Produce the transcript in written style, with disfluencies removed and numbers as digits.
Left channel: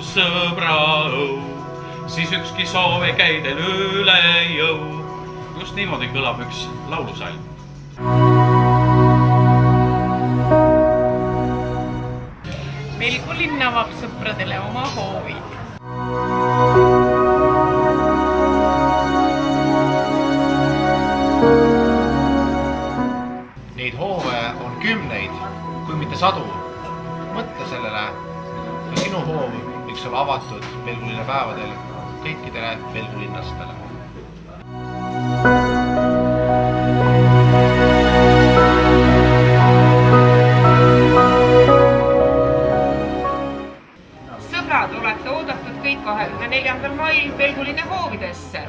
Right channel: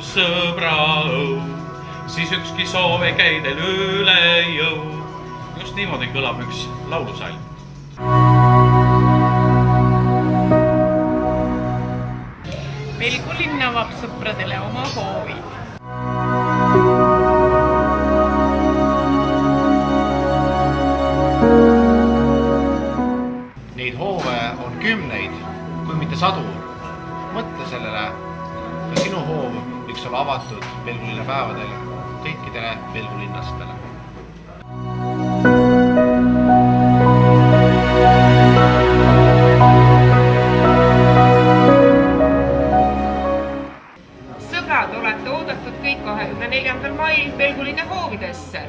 su sõbra õu, siis ükski soov ei käi teil üle jõu. Just niimoodi kõlab üks laulusalm. Pelgulinn avab sõpradele oma hoovid. Neid hoove on kümneid, kui mitte sadu. Mõtle sellele, ka sinu hoov võiks olla avatud Pelgulinna päevadel kõikidele pelgulinnastele. Sõbrad, olete oodatud kõik 24. mail Pelgulinna hoovidesse.